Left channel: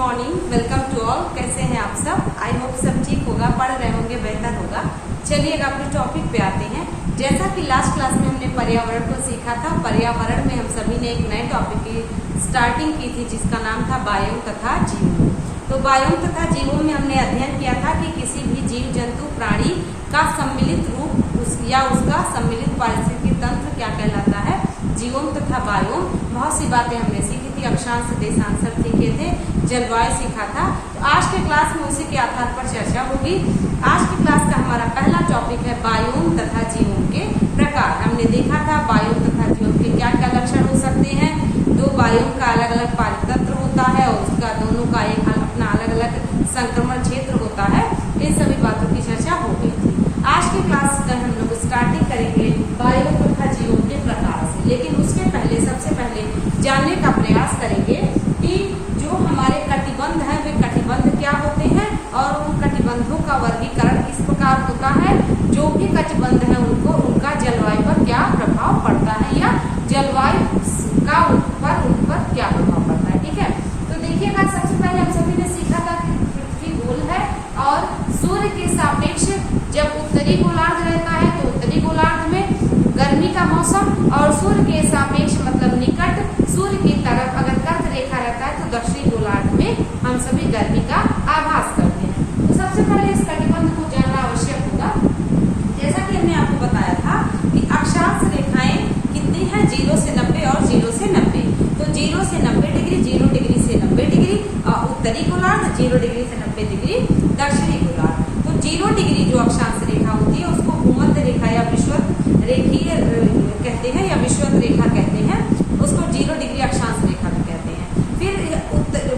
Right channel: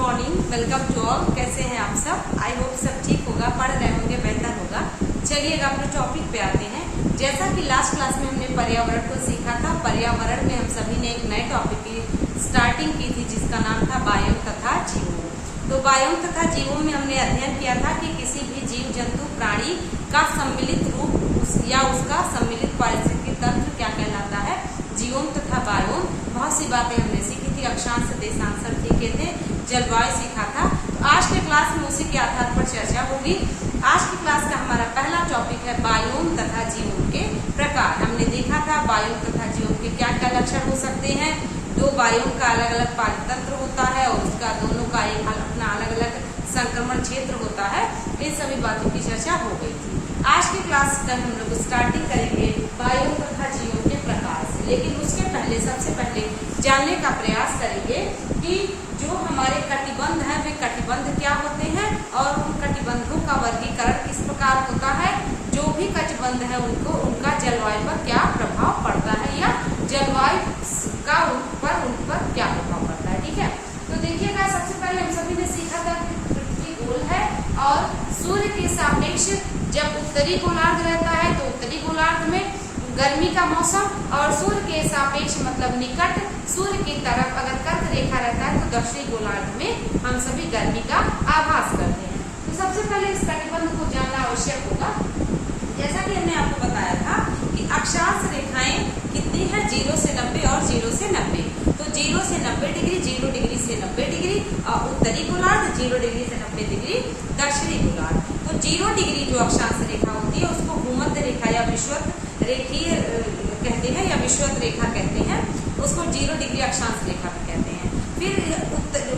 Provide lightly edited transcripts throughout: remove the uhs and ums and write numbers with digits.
Morning, welcome to all. कैसे हैं आप सब? आई होप सब ठीक होगा, पढ़ रहे होंगे, बेहतर होगा। चलिए अब अपने टॉपिक पे आते हैं। जैसा कि लास्ट क्लास में हमने पर्यावरण को सीखा था, पर्यावरण में हम सभी ने एक नए टॉपिक की स्टार्टिंग की थी जिसका नाम था बायोम तथा जीवों। तो बायोम तथा जीवों में हमने अध्ययन किया था कि किसी भी जीव जंतु प्राणी का सम्मिलित रूप या उसका सम्मिलित पारिस्थितिकी तंत्र क्या कहलाता है, जीवोम तथा बायोम। बहुत सी बातें हमने सीखी थी, अक्षांश देशांश सीखे थे, जलवायु सीखा था। तो आज के क्लास में उसी के आधार पर चर्चा होगी। आज की क्लास का हमारा पहला टॉपिक है बायोम तथा जीवों के प्रकार। हमने देखा था बायोम तथा जीवों के क्या क्या लक्षण हो सकते हैं। दो बायोम का अलग अलग पारितंत्र होता है और उसका दोनों का एक अपना अलग अलग संक्रमण क्षेत्र होता है। इन सभी बातों की चर्चा हो गई थी। आज की क्लास का हम लोग स्टार्टिंग करेंगे बायोम तथा जीवों के प्रकार से, लेकिन उसके पहले सबसे पहले जानने का प्रयास करेंगे कि जो हमारे कटिबंध हैं वे कटिबंध क्या होते हैं और उन कटिबंधों का वर्गीकरण किस प्रकार होता है। जो भी कटिबंध है उनको उनका जलवायु पर क्या प्रभाव पड़ता है या जलवायु का उन पर क्या प्रभाव पड़ता है। ठीक है, तो देखिएगा सबसे पहले हम सभी ने सीखा था कि पृथ्वी गोल है और सूर्य के सापेक्ष जब उत्तरी गोलार्ध रहता है तो उत्तरी गोलार्ध में गर्मी का मौसम और सूर्य के सापेक्ष मतलब निकट सूर्य की तरफ अगर कर्क रेखा रहता है तो दक्षिणी गोलार्ध में हम सभी गर्मी का आभास करते हैं। तो सबसे पहले इस कटिबंध को जानना आवश्यक होगा। जैसा कि हमने आपको बताया था कि अक्षांश रेखाएं कितनी है, 0 से 90 और 0 से 90। तो 0 से 90 डिग्री, 0 डिग्री से 90 डिग्री उत्तरी गोलार्ध, 0 डिग्री से 90 डिग्री दक्षिणी गोलार्ध। तो 0 डिग्री जो अक्षांश रेखा होती है उसको भूमध्य रेखा या विषुवत रेखीय कहते हैं या विषुवत रेखा कहते हैं, उसको 0 डिग्री अक्षांश रेखा भी कहते हैं। फिर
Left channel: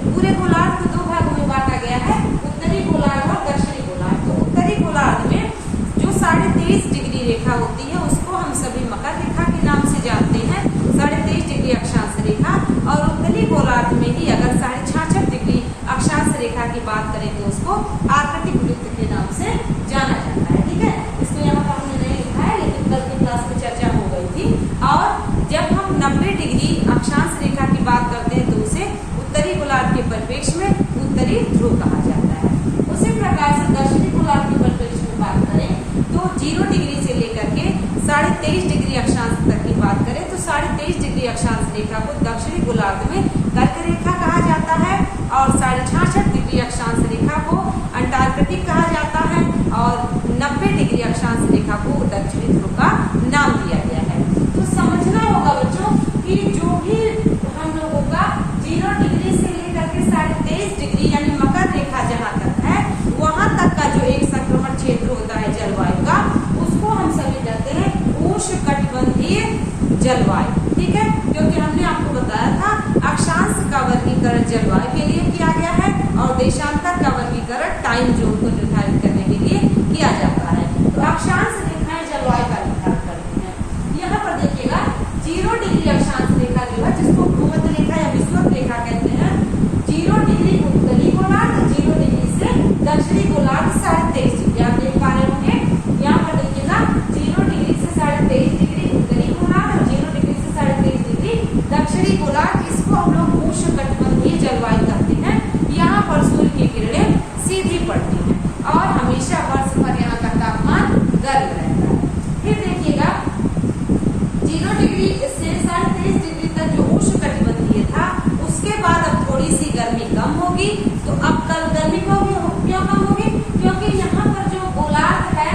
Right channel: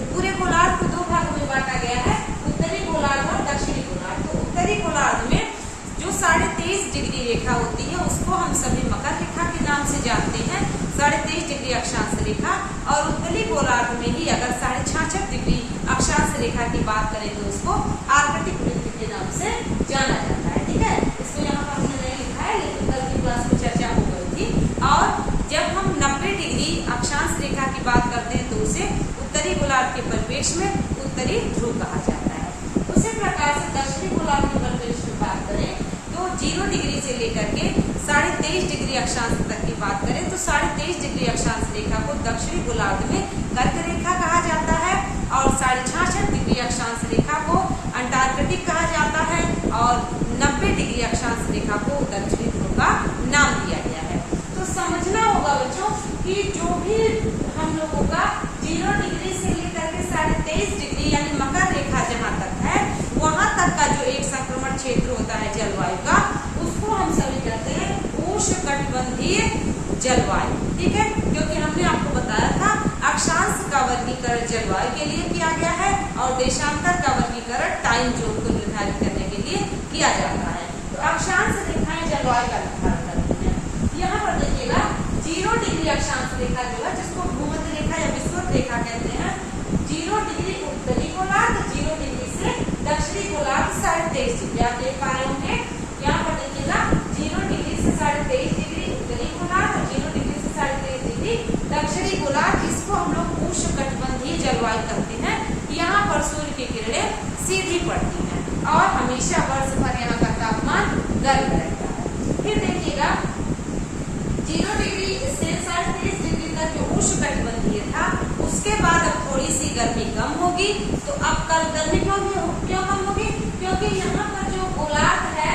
पूरे गोलार्ध को दो भागों में बांटा गया है, उत्तरी गोलार्ध और दक्षिणी गोलार्ध। तो उत्तरी गोलार्ध में जो 23.5 डिग्री रेखा होती है उसको हम सभी मकर रेखा के नाम से जानते हैं, 23.5 डिग्री अक्षांश रेखा। और उत्तरी गोलार्ध में ही अगर 66.5 डिग्री अक्षांश रेखा की बात करें तो उसको आर्कटिक वृत्त के नाम से जाना जाता है। ठीक है, इसको यहाँ पर हमने नहीं लिखा है लेकिन कल की क्लास में चर्चा हो गई थी। और जब हम 90 डिग्री अक्षांश रेखा की बात करते हैं तो उसे उत्तरी गोलार्ध के परिप्रेक्ष्य में उत्तरी ध्रुव कहा जाता है। उसी प्रकार से दक्षिणी गोलार्ध के परिप्रेक्ष्य में बात करें तो 0 डिग्री से लेकर के 23.5 डिग्री अक्षांश तक की बात करें तो 23.5 डिग्री अक्षांश रेखा को दक्षिणी गोलार्ध में कर्क रेखा कहा जाता है और 66.5 डिग्री अक्षांश रेखा को अंटार्कटिक कहा जाता है और 90 डिग्री अक्षांश रेखा को दक्षिणी ध्रुव का नाम दिया गया है। तो समझना होगा बच्चों कि जो भी हम लोगों का 0 डिग्री से लेकर के 23.5 डिग्री यानी मकर रेखा जहाँ तक है वहां तक का जो एक संक्रमण क्षेत्र होता है जलवायु का, उसको हम सभी कहते हैं उष्णकटिबंधीय जलवायु। ठीक है, क्योंकि हमने आपको बताया था अक्षांश का वर्गीकरण जलवायु के लिए किया गया है और देशांतर का वर्गीकरण टाइम जोन को निर्धारित करने के लिए किया जाता है। तो अक्षांश रेखाएं जलवायु का निर्धारण करती हैं। यहाँ पर देखिएगा 0 डिग्री अक्षांश रेखा जो है जिसको भूमध्य रेखा या विषुवत रेखा कहते हैं, 0 डिग्री उत्तरी गोलार्ध, 0 डिग्री से दक्षिणी गोलार्ध 23.5 डिग्री आप देख पा रहे होंगे। यहाँ पर देखिएगा 0 डिग्री से 23.5 डिग्री उत्तरी गोलार्ध और 0 डिग्री से 23.5 डिग्री दक्षिणी गोलार्ध। इसको हम लोग उष्णकटिबंधीय जलवायु कहते हैं। यहाँ पर सूर्य की किरणें सीधी पड़ती हैं और हमेशा वर्ष भर यहाँ का तापमान गर्म रहता है। फिर देखिएगा 0 डिग्री से 23.5 डिग्री तक जो उष्णकटिबंधीय था उसके बाद अब थोड़ी सी गर्मी कम होगी। तो अब कल गर्मी क्यों कम होगी? क्योंकि यहाँ पर जो गोलार्ध है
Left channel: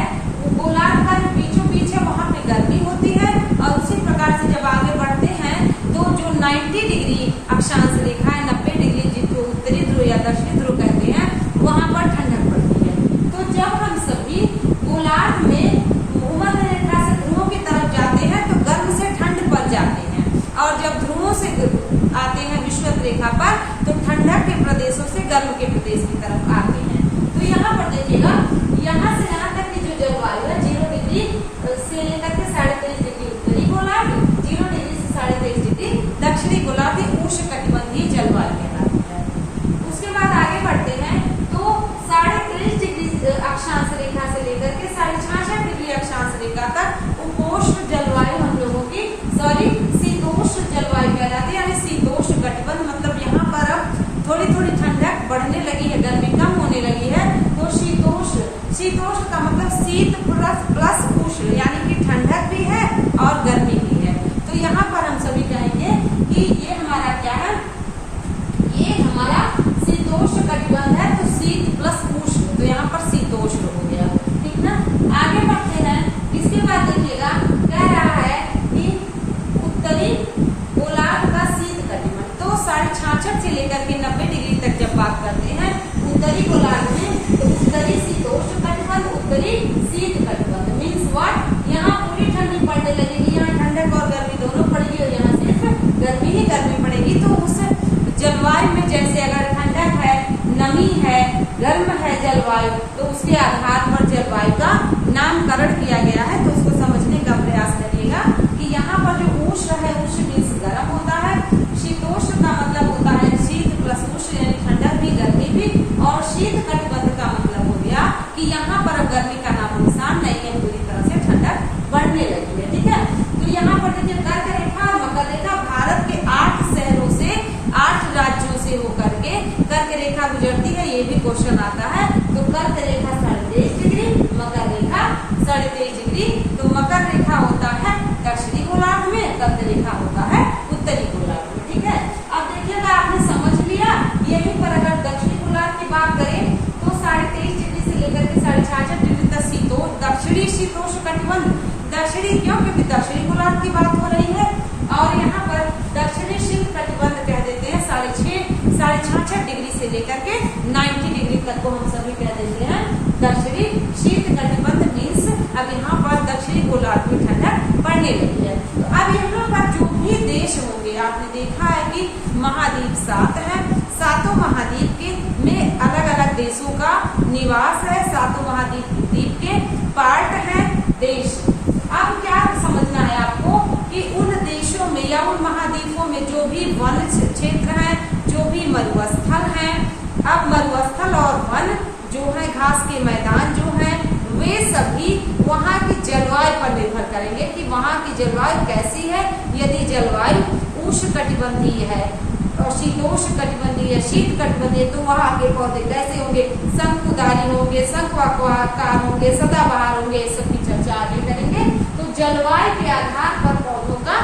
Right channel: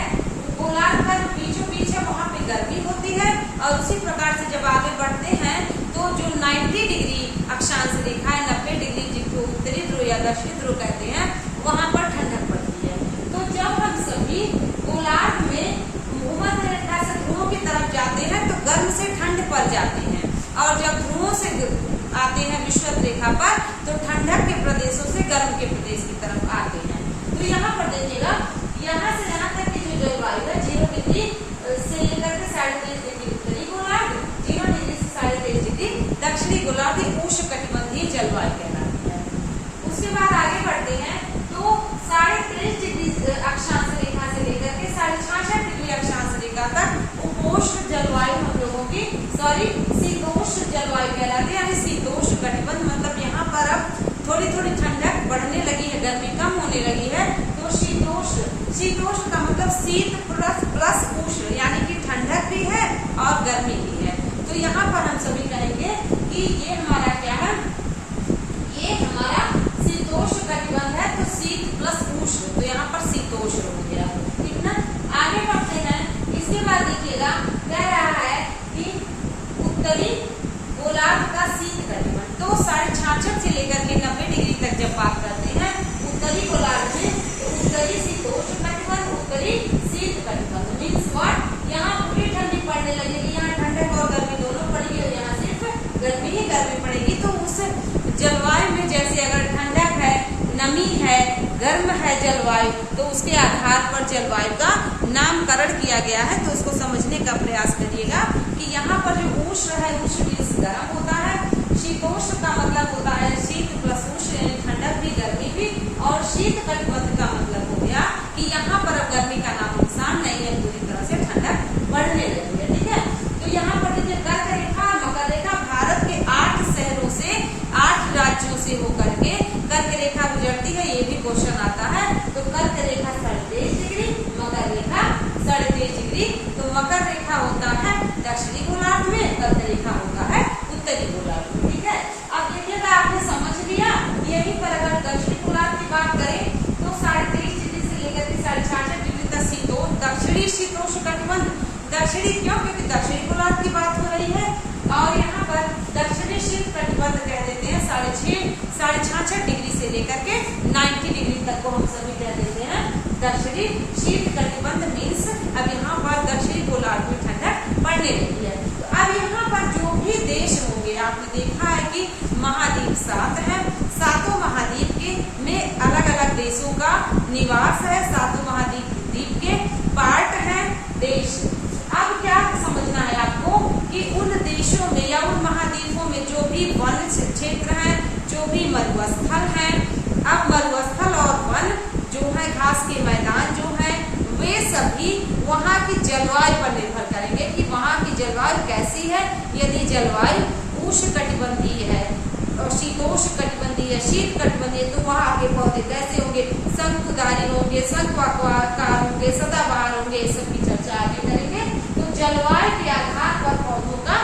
गोलार्ध का जो बीचों बीच है वहाँ पे गर्मी होती है और उसी प्रकार से जब आगे बढ़ते हैं तो जो 90 डिग्री अक्षांश रेखा है, 90 डिग्री जिसको उत्तरी ध्रुव या दक्षिणी ध्रुव कहते हैं, वहाँ पर ठंडक पड़ती है। तो जब हम सभी गोलार्ध में भूमध्य रेखा से ध्रुवों की तरफ जाते हैं तो गर्म से ठंड पर जाते हैं और जब ध्रुवों से आते हैं विषुवत रेखा पर तो ठंडक के प्रदेशों से गर्म के प्रदेश की तरफ आते हैं। तो यहाँ पर देखिएगा यहाँ से यहाँ तक की जो जलवायु है 0 डिग्री से लेकर के 23.5 डिग्री उत्तरी गोलार्ध, 0 डिग्री से 23.5 डिग्री दक्षिणी गोलार्ध उष्णकटिबंधीय जलवायु कहलाती है। उसके बाद आगे बढ़ते हैं तो 23.5 डिग्री अक्षांश रेखा से लेकर के 66.5 डिग्री अक्षांश रेखा तक उपोष्ण जलवायु हम लोगों की शीतोष्ण जलवायु कहलाती है। यानी शीतोष्ण कटिबंध मतलब यहाँ पर अब थोड़ी थोड़ी ठंडक शीतोष्ण का मतलब शीत प्लस उष्ण, यानी कि ठंडक भी है और गर्मी भी है। तो यहाँ पर हम सभी कहेंगे कि ये हमारा क्या है, ये हमारा शीतोष्ण कटिबंध है। तो शीत प्लस उष्ण, तो यहाँ पर शीतोष्ण हो गया, ठीक ना। आगे बढ़ते हैं। इसके बाद देखिएगा कह रहा है कि उत्तरी गोलार्ध का शीत कटिबंध, तो 66.5 से लेकर के 90 डिग्री तक जब बात करते हैं उत्तरी गोलार्ध में, तो उत्तरी शीतोष्ण कटिबंध, उत्तरी शीत कटिबंध मीन्स व्हाट, यहाँ पूरी ठंडी पड़ने लगेगी, यहाँ ठंडक और गर्मी दोनों पड़ेगी और यहाँ सिर्फ गर्मी ही गर्मी पड़ेगी। तो उस जलवायु में जैसे अगर ठंडक है, नमी है, गर्म है जलवायु, तो उसके आधार पर जलवायु का नामकरण किया गया है। तो उसको समझने का प्रयास करिएगा कि यहाँ पर जो उष्ण है, उष्ण मीन्स गर्म होता है, शीतोष्ण का मतलब होता है शीत प्लस उष्ण यानी ठंडक भी गर्मी भी, और शीत कटिबंध का मतलब हो गया कि यहाँ पर अब गर्मी का नाम निशान नहीं है, पूरी तरह से ठंडक बढ़ने लगी है, ठीक है। तो यहाँ पर देखिए कर्क रेखा और मकर रेखा, भारत के 8 शहरों से 8 राज्यों से होकर के कर्क रेखा गुजरती है, ये भी क्वेश्चन आता है। तो कर्क रेखा 23.5 डिग्री, मकर रेखा 23.5 डिग्री। तो मकर रेखा होता है दक्षिणी गोलार्ध में, कर्क रेखा होता है उत्तरी गोलार्ध में, ठीक है। अब देखिएगा आपने समझ लिया, यही पर अगर दक्षिणी गोलार्ध की बात करें तो 23.5 डिग्री से लेकर के 66.5 डिग्री तक दक्षिणी शीतोष्ण कटिबंध, दक्षिणी क्यों, क्योंकि दक्षिणी गोलार्ध की बात हो रही है। और यहाँ पर दक्षिणी शीत कटिबंध कह देते हैं 66.5 डिग्री से लेकर के 90 डिग्री तक को हम सभी कह देते हैं दक्षिणी शीत कटिबंध मीन्स अब यहाँ पर दक्षिणी गोलार्ध में ठंडक पड़ने लगी है। तो अब यहाँ पर जो भी देश होंगे, आपने देखा है कि महाद्वीप 7 है, 7 महाद्वीप के में अलग अलग देशों का निवास है, 7 महाद्वीप के पार्ट है देश। अब क्या समझना है आपको कि उन देशों में या उन महाद्वीपों में जो भी वन क्षेत्र है, जो भी मरुस्थल है, अब मरुस्थल और वन जो है, घास के मैदान जो है, वे सभी वहाँ की जलवायु पर निर्भर करेंगे कि वहाँ की जलवायु कैसी है। यदि जलवायु उष्ण कटिबंधीय है और शीतोष्ण कटिबंधीय है, शीत कटिबंधीय, तो वहाँ के पौधे कैसे होंगे, शंकुधारी होंगे, शंक्वाकार होंगे, सदाबहार होंगे, इस सब की चर्चा आगे करेंगे। तो जलवायु के आधार पर पौधों का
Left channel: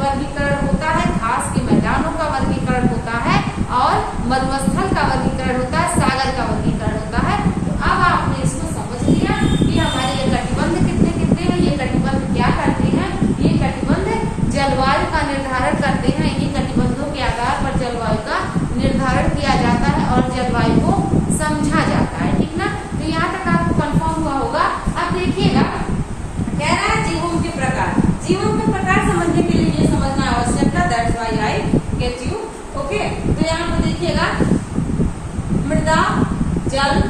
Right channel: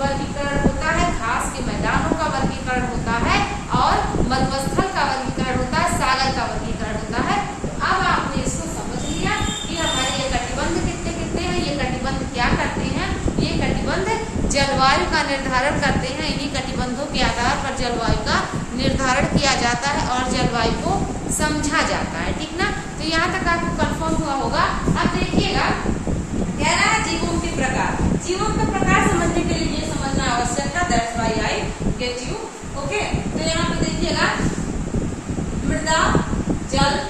वर्गीकरण होता है, घास के मैदानों का वर्गीकरण होता है और मरुस्थल का वर्गीकरण होता है, सागर का वर्गीकरण होता है। तो अब आपने इसको समझ लिया कि हमारे ये कटिबंध कितने कितने हैं, ये कटिबंध क्या करते हैं, ये कटिबंध जलवायु का निर्धारण करते हैं। इन्हीं कटिबंधों के आधार पर जलवायु का निर्धारण किया जाता है और जलवायु को समझा जाता है, ठीक ना। तो यहाँ तक आपको कंफर्म हुआ होगा। अब देखिएगा कह रहा है जीवों के प्रकार, जीवों के प्रकार समझने के लिए ये समझना आवश्यक था, that's why I get you, okay. तो यहाँ पे देखिएगा मृदा जल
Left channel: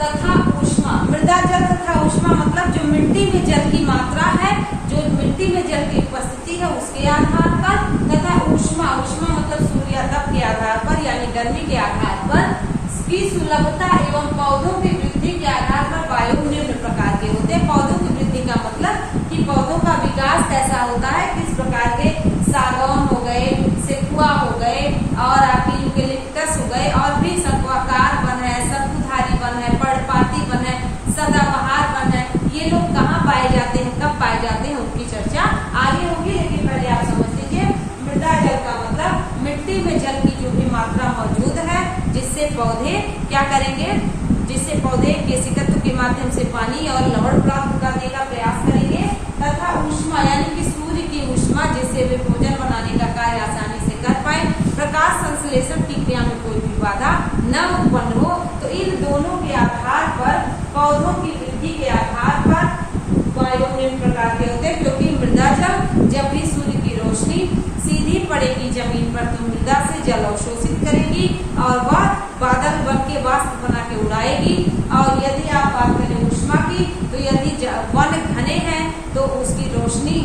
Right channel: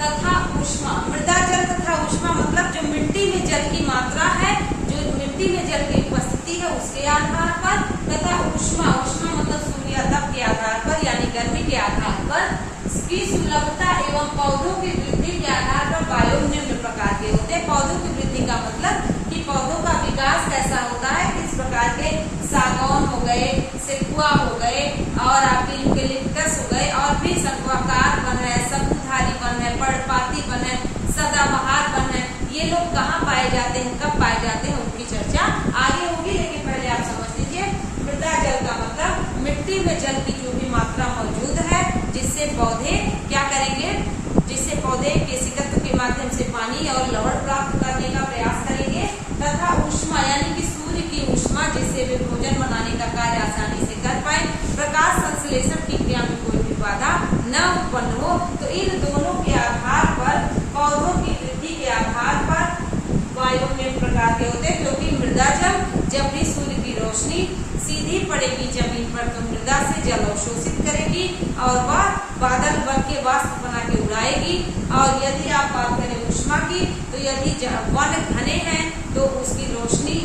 तथा ऊष्मा, मृदा जल तथा ऊष्मा मतलब जो मिट्टी में जल की मात्रा है, जो मिट्टी में जल की उपस्थिति है उसके आधार पर, तथा ऊष्मा, ऊष्मा मतलब सूर्यातप के आधार पर यानी गर्मी के आधार पर, की सुलभता एवं पौधों की वृद्धि के आधार पर बायोम निम्न प्रकार के होते हैं। पौधों की वृद्धि का मतलब कि पौधों का विकास कैसा होता है, किस प्रकार के, सागौन हो गए, सेकुआ हो गए और आपके यूकेलिप्टस हो गए, और भी शंक्वाकार वन है, शंकुधारी वन है, पर्णपाती वन है, सदाबहार वन है, ये लोग कहाँ पाए जाते हैं, कब पाए जाते हैं, उनकी चर्चा आगे होगी। लेकिन पहले आप समझ लीजिए मृदा जल का मतलब मिट्टी में जल की जो भी मात्रा मौजूद है, जिससे पौधे क्या करेंगे, जिससे पौधे केशिकत्व के माध्यम से पानी और लवण प्राप्त करने का प्रयास करेंगे, तथा ऊष्मा यानी कि सूर्य की ऊष्मा, जिससे वे भोजन बनाने का कार्य आसानी से कर पाए, प्रकाश संश्लेषण की क्रिया में कोई भी बाधा न उत्पन्न हो। तो इन दोनों के आधार पर, पौधों की वृद्धि के आधार पर बायोम निम्न प्रकार के होते हैं, क्योंकि मृदा जल जब भी सूर्य की रोशनी सीधी पड़ेगी जमीन पर तो मृदा से जल अवशोषित करेगी और वह बादल बन के वाष्प बना के उड़ाएगी। और यदि आप बात करें ऊष्मा की, तो यदि वन घने हैं तो उसकी रोशनी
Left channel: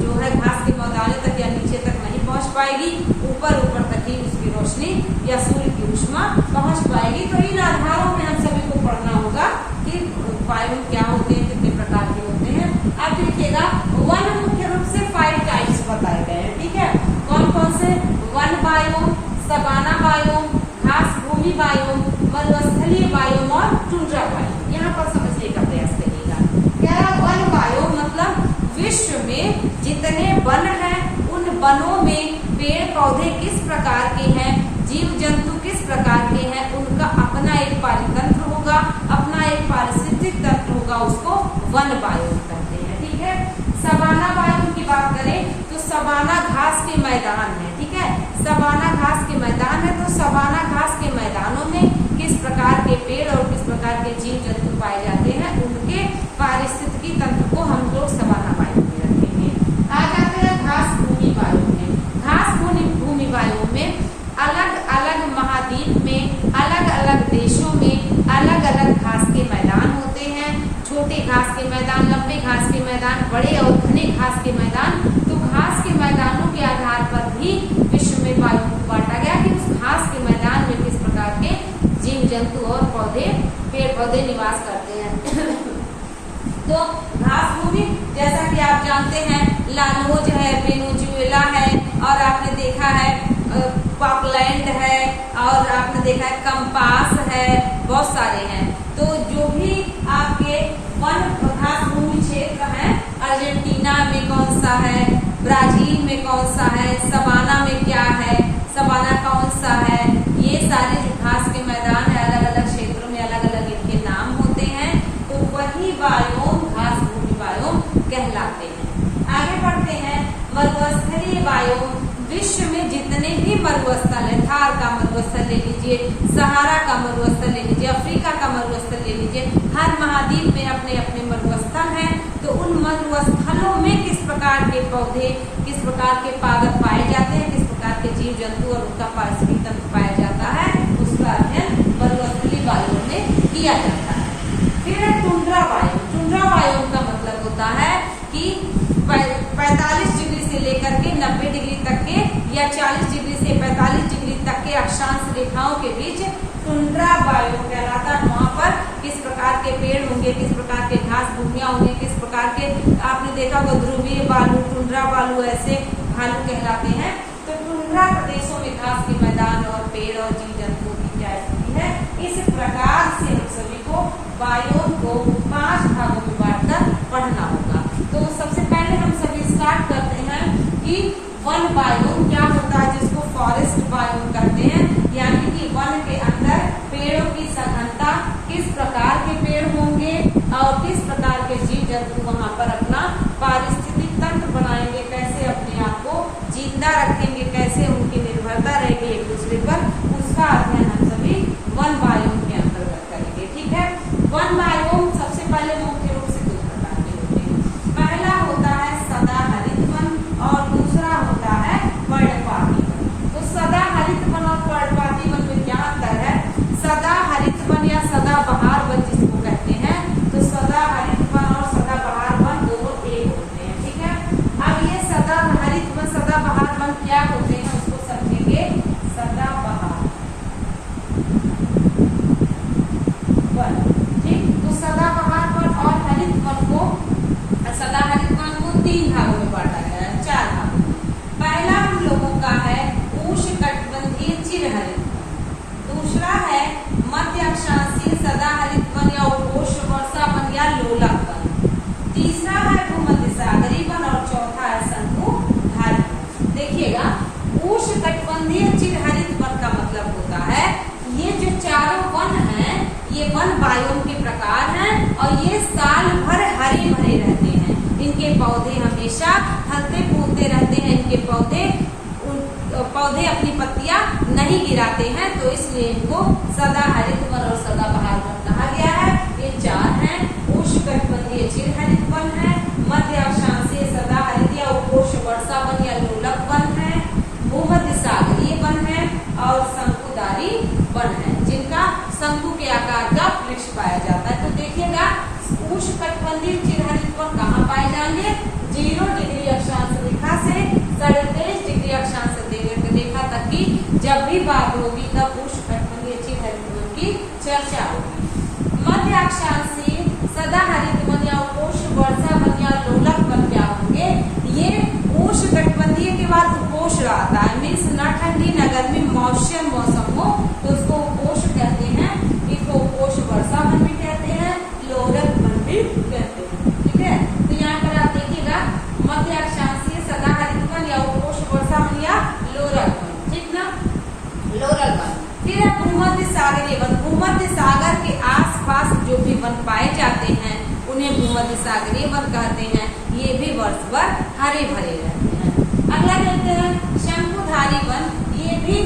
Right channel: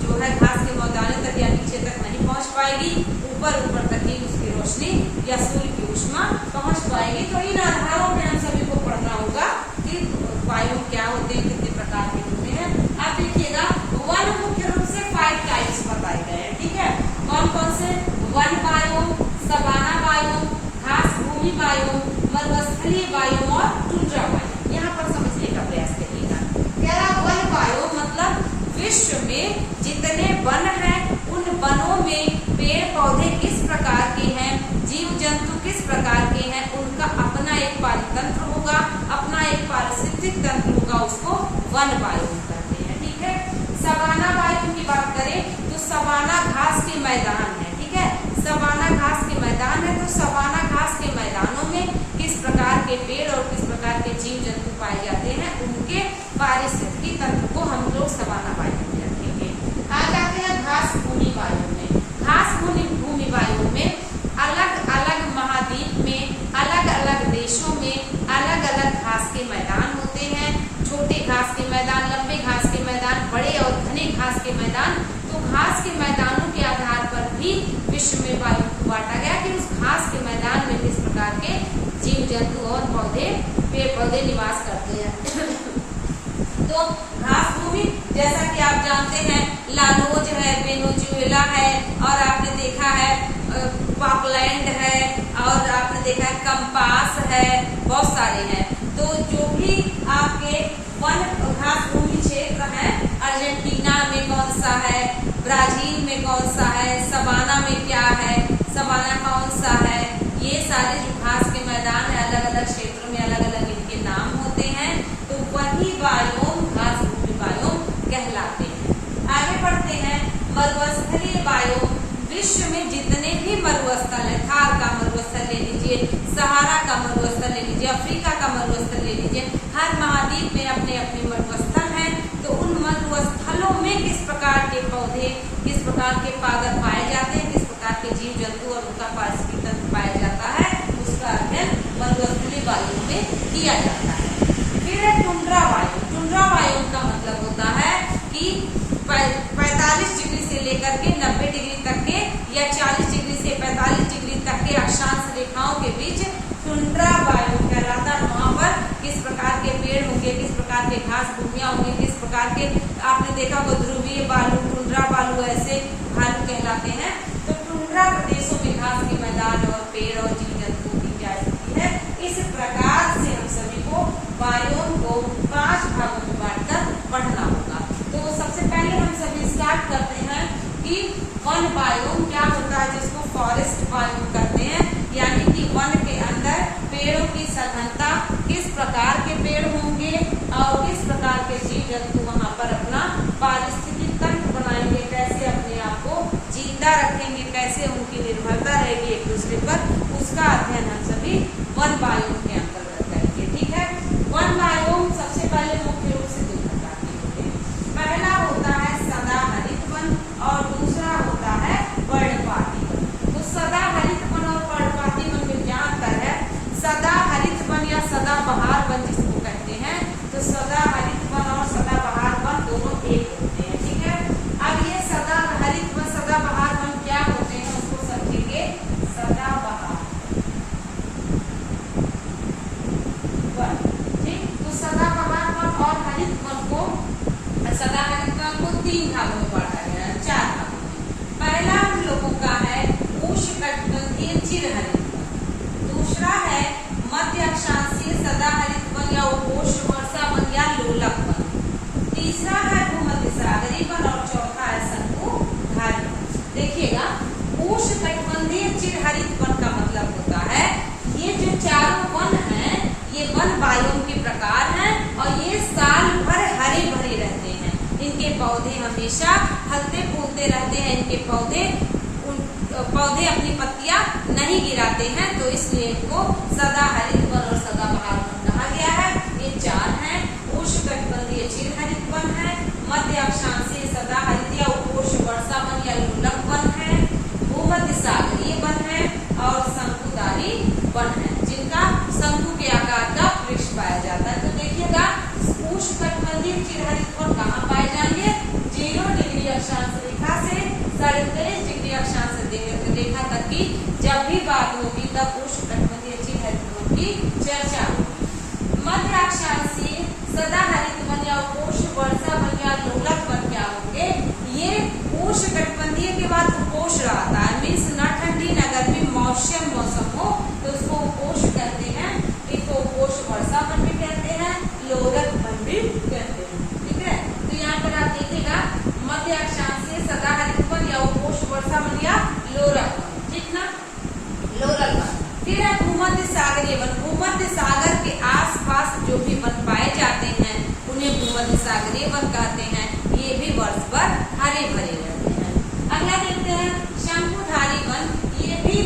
जो है घास के मैदानों तक या नीचे तक नहीं पहुंच पाएगी, ऊपर तक ही उसकी रोशनी या सूर्य की ऊष्मा पहुंच पाएगी। तो इन आधारों पे हम सभी को पढ़ना होगा कि वायु क्या होते हैं, कितने प्रकार के होते हैं। अब देखिएगा वन मुख्य रूप से 5 टाइप्स बताए गए हैं, ठीक है। कौन कौन से, वन बायोम, सवाना बायोम, घास भूमि बायोम, मरुस्थलीय बायोम और टुंड्रा बायोम। यहाँ पर समझ समझने का प्रयास करिएगा। कह रहा वन बायोम मतलब विश्व में जितने वन हैं उन वनों में पेड़ पौधे किस प्रकार के हैं, जीव जंतु किस प्रकार के हैं, उनका अपना एक पारितंत्र होगा, अपना एक पारिस्थितिक तंत्र होगा, उसको वन बायोम कहते हैं। ठीक है। सवाना बायोम की बात करें तो सवाना घास के मैदान है। ठीक है। सवाना घास के मैदान है, तो सवाना घास के मैदानों में किस प्रकार के पेड़ और किस प्रकार के जीव जंतु पाए जाते हैं, उनके पारिस्थितिकी तंत्र को हम लोग सवाना बायोम में रखेंगे। आ जाते हैं घास भूमि बायोम में। घास भूमि बायोम में अलग अलग महाद्वीप में अलग अलग देशों में अलग अलग घास के मैदान होते हैं। छोटे घास के मैदान, लंबे घास के मैदान, बड़े और घने घास के मैदान। तो घास के मैदानों के आधार पर भी विश्व में बायोम को बांटा गया कि उस घास के मैदान में किस प्रकार के जीव जंतु और पौधे, पेड़ पौधे निवास करते हैं। तो घास भूमि जैसा कि आप जानते हैं लानोज है, वेनेजुएला है, और आपने देखा है पॉकलैंड है, और आपने देखा है कंपास है, बहुत सारे हैं। तो जो भी आपके वन घास भूमि क्षेत्र हैं, अर्जेंटीना में कौन सा है, ब्राजील में कौन सा है, सवाना में क्या है, सवाना कौन सा है, ये सारे जो घास के मैदान है अलग अलग क्षेत्रों में अलग अलग इनके नाम होते हैं। तो वही बायोम घास भूमि बायोम कहलाते हैं। आगे बढ़ते हैं। मरुस्थलीय बायोम विश्व में जितने भी मरुस्थल है, थार का मरुस्थल ले लीजिए, सहारा का मरुस्थल ले लीजिए, अफ्रीका का मरुस्थल ले लीजिए, हर महाद्वीप में अपने अपने मरुस्थल हैं। तो उन मरुस्थलों में किस प्रकार के पौधे, किस प्रकार के पादप पाए जाते हैं, किस प्रकार के जीव जंतु और उनका पारिस्थितिक तंत्र पाया जाता है, उसका अध्ययन मरुस्थलीय बायोम में किया जाता है। फिर है टुंड्रा बायोम। टुंड्रा बायोम का मतलब होता है कि 45 डिग्री से लेकर के 90 डिग्री तक के या 40 डिग्री से 45 डिग्री तक के अक्षांश रेखाओं के बीच टुंड्रा बायोम कहलाता है। वहाँ पर किस प्रकार के पेड़ होंगे, किस प्रकार के घास भूमियां होंगी, किस प्रकार के, आपने देखा होगा ध्रुवीय बालू, टुंड्रा बालू, ऐसे भालू कहलाते हैं। तो टुंड्रा प्रदेशों में घास के मैदान और पेड़ और जीव जंतुओं की क्या स्थिति है। इस प्रकार से हम सभी को बायोम को 5 भागों में बांटकर पढ़ना होगा। तो सबसे पहले हम सभी स्टार्ट करते हैं कि वन बायोम क्या होता है, जिसको फॉरेस्ट बायोम कहते हैं, यानी कि वन के अंदर पेड़ों की सघनता, किस प्रकार के पेड़ होंगे और किस प्रकार के जीव जंतु वहां पर अपना पारिस्थितिक तंत्र बनाएंगे, कैसे अपने आप को जिंदा रखेंगे, कैसे उनकी निर्भरता रहेगी एक दूसरे पर, उसका अध्ययन हम सभी वन बायोम के अंतर्गत करेंगे। ठीक है। वन बायोम सबसे पहले मुख्य रूप से 2 प्रकार के होते हैं। पहला होता है सदाहरित वन और दूसरा होता है पर्णपाती वन। तो सदाहरित वन और पर्णपाती वन में क्या अंतर है। सदाहरित वन या सदाबहार वन जिसको कहते हैं, तो सदाहरित वन और सदाबहार वन दोनों एक होते हैं। ठीक है। अब ये सदाहरित वन, सदाबहार वन क्या होते हैं उसको समझेंगे। सदाबहार वन, ठीक। तो सदाबहार वन और हरित वन को, सदाहरित वन को 3 भागों में बांटा गया है, 4 भागों में। पहला हम लोगों का है उष्णकटिबंधीय चिरहरित वन, दूसरा है मध्य अक्षांशीय सदाहरित वन या उपोष्ण वर्षा वन या लोलक वन, तीसरा है भूमध्य सागरीय वन और चौथा है शंकुधारी वन। देखिएगा, उष्णकटिबंधीय चिरहरित वन का मतलब होता है ये जो चारों वन हैं ये वन बायोम के प्रकार हैं और ये साल भर हरे भरे रहते हैं। इनके पौधे हमेशा फलते फूलते रहते हैं। इनके पौधे अपनी पत्तियां नहीं गिराते हैं, तो इसलिए इनको सदाहरित वन और सदाबहार वन कहा गया है। ये 4 हैं। उष्णकटिबंधीय चिरहरित वन है, मध्य अक्षांशीय सदाहरित या उपोष्ण वर्षा वन या लोलक वन है, भूमध्य सागरीय वन है और शंकुधारी वन है, जिनका शंकु के आकार का वृक्ष पाया जाता है। तो देखिएगा, उष्णकटिबंधीय चिरहरित वन कहाँ पाए जाएंगे। 0 डिग्री अक्षांश रेखा से 23.5 डिग्री अक्षांश रेखा तक की जब भी बात होगी तब उष्णकटिबंधीय चिरहरित वन की चर्चा होगी। मध्य अक्षांशीय सदाहरित वन या उपोष्ण वर्षा वन या लोलक वन क्या होंगे। ये उष्णकटिबंधीय के बाद उपोष्ण आता है, मीन्स न ठंडी न गर्मी, मौसम हो तो उसको उपोष्ण कहते हैं। इसको उपोष्ण वर्षा वन भी कहते हैं, लोलक भूमध्य सागरीय वन कहते हैं, ये भी वर्ष भर हरे भरे रहते हैं। अगला देखते हैं शंकुधारी वन, ये भी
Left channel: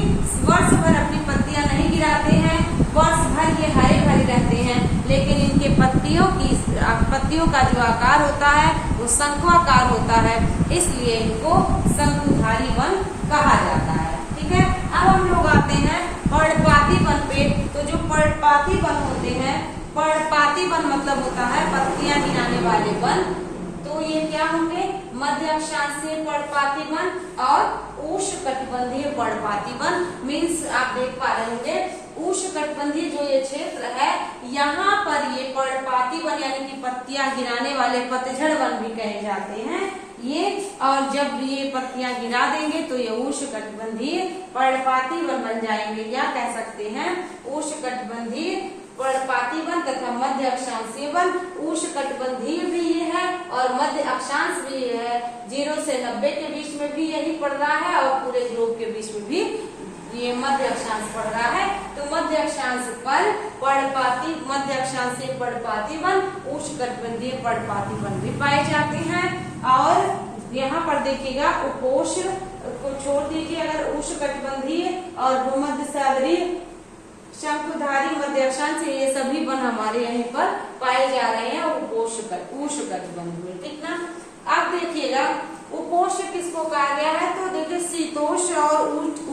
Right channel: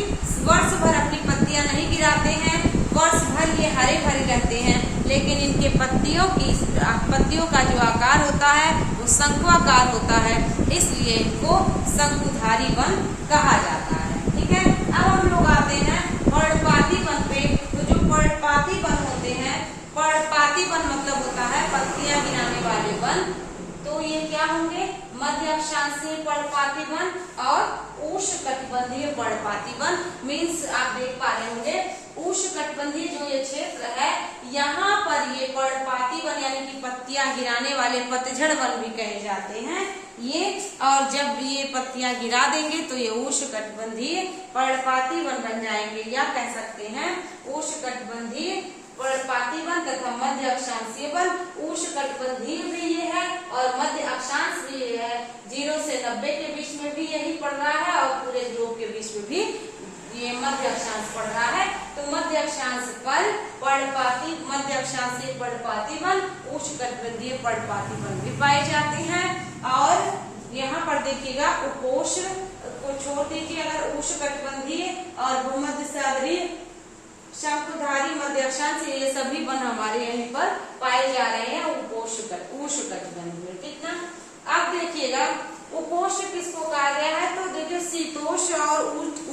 वर्ष भर अपनी पत्तियां नहीं गिराते हैं, वर्ष भर ये हरे भरे रहते हैं, लेकिन इनके पत्तियों का जो आकार होता है वो शंकुआकार होता है, इसलिए इनको शंकुधारी वन कहा जाता है। ठीक है, अब हम लोग आते हैं पर्णपाती वन पे। तो जो पर्णपाती वन होते हैं, पर्णपाती वन मतलब होता है पत्तियां गिराने वाले वन। तो ये क्या होंगे, मध्य अक्षांशीय पर्णपाती वन और उष्णकटिबंधीय पर्णपाती वन। मीन्स आप देख पा रहे होंगे उष्णकटिबंधीय जो ये क्षेत्र है, यहाँ पर ये पर्णपाती वन यानी कि पत्तियां गिराने वाले पतझड़ वन भी कहे जाते हैं ये। और जब ये पत्तियां गिरा देंगे तो ये उष्णकटिबंधीय पर्णपाती वन बन जाएंगे, या कह सकते हैं उष्णकटिबंधीय पर्णपाती वन तथा मध्य अक्षांशीय वन। उष्णकटिबंधीय भी ये है और मध्य अक्षांश भी ये है, 0 से 90 के बीच में भी यही पड़ रहा है और पूरे ध्रुव के बीच में भी ये मध्य अक्षांश पड़ रहा है। तो मध्य अक्षांश पर पर्णपाती, मध्य अक्षांशीय पर्णपाती वन, उष्णकटिबंधीय पर्णपाती वन भी पाए जाते हैं। और यहाँ पर देखिएगा उपोष्ण को छोड़ दीजिए, अगर उष्णकटिबंधीय और भूमध्य सागरीय, शंकुधारी, मध्य अक्षांश, ये सभी वन हमारे यहीं पर पाए जा रहे हैं उष्णकटिबंधीय। ठीक ना। अब देखिएगा उपोष्ण किसको कहा गया है, तो देखिए शीतोष्ण और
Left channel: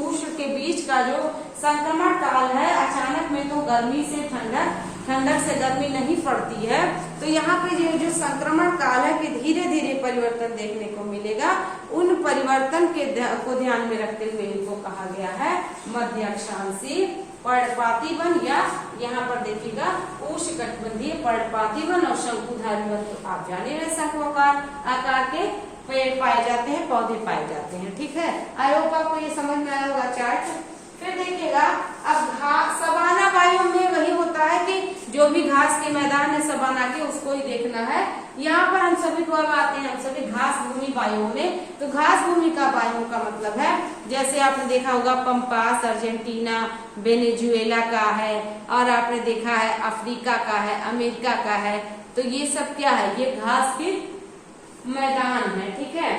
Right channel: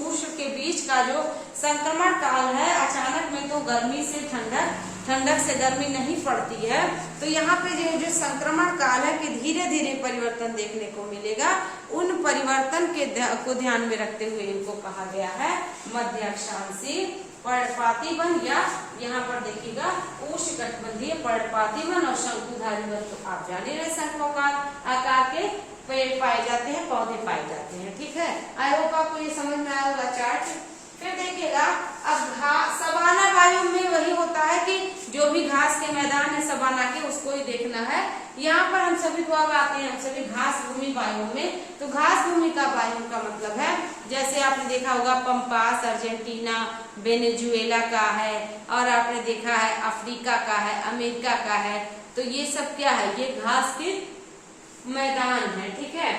उष्ण के बीच का जो संक्रमण काल है, अचानक में तो गर्मी से ठंडक, ठंडक से गर्मी नहीं पड़ती है, तो यहाँ पे जो संक्रमण काल है कि धीरे धीरे परिवर्तन देखने को मिलेगा, उन परिवर्तन को ध्यान में रखते हुए इनको कहा गया है मध्य अक्षांशीय पर्णपाती वन, या यहाँ पर देखिएगा उष्णकटिबंधीय पर्णपाती वन और शंकुधारी वन। तो आप जाने रहे शंकुआकार आकार के पेड़ पाए जाते हैं, पौधे पाए जाते हैं। ठीक है, आई होप आपको ये समझ में आया होगा चार्ट। फिर देखिएगा अब सवाना वायु में वही होता है कि जो भी घास के मैदान है सवाना के, उसको ही देखना है। यहाँ पर हम सभी को अब आते हैं हम सभी घास भूमि वायु में। तो घास भूमि का वायु का मतलब है, जैसे आपने देखा होगा पंपास अर्जेंटीना वेनेजुएला का है, और आपने देखा है अफ्रीका का है, अमेरिका का है। तो ये सब क्या है, ये घास के मैदान है। ठीक है,